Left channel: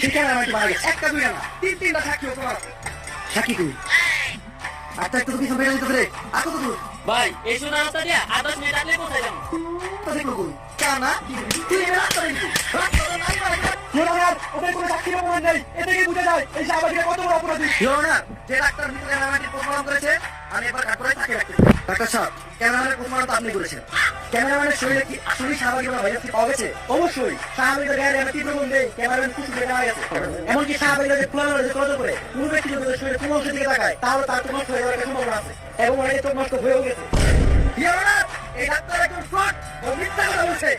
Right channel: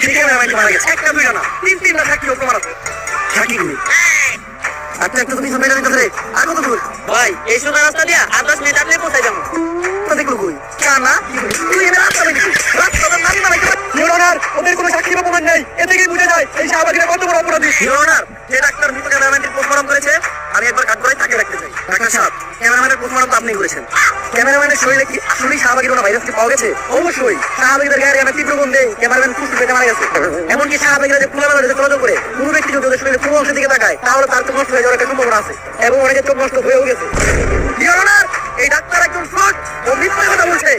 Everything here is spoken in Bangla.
সেই ক্যামেরাম্যানটি মারা গেছে। একটা দুইটা না, তিনটা সাক্ষী প্রমাণ আছে। সাক্ষী কই? আচ্ছা একটু তুমি মেনে নিতে রে। আর কত দূর? ভাই এই সোনা রাস্তা দিয়ে 10 মিনিট আপনি কোথায় যাবো? তো দেখো কই? কেনা তুই এবার রাস্তা দেখি। রাস্তা মারি মারি করে। ইউরোনার ওদের কোনো সাক্ষী বা প্রমাণ নেই। এ থেকে বুঝে যায় এই শাহবাগীরা কত বড় অপরাধী। ইউরোনার যে ডাক্তার মৃত ক্যামেরাম্যানটি প্রমাণ করেছে আমি একবার কাট করে তাকে রাখতেছি। ডাক্তার সাহেব ক্যামেরাম্যানের প্রমাণ তো আপনি করেছেন। ক্যামেরাম্যানের শরীরে কি আসলেই শাহবাগীর ভাইরাস কি পাওয়া গেছে? অবশ্যই শাহবাগীদের গায়ে আমরা তীব্র গন্ধে ক্যামেরাম্যান কুকুর পেটে মারা গেছে। এমনকি শাহবাগীরা যে ফুলা যে ফলো করে কোনো ব্যক্তি যদি ওদের শরীরে কোনো অংশের দিকে তাকায় তাহলে তার চোখ নষ্ট হয়ে যাওয়ার একটা সম্ভাবনা আছে এবং অনেকের চোখ নষ্ট হয়েও গেছে। ইউরোনার এই ডাক্তার একজন ফ্রড ও মিথ্যা কথা বলছে।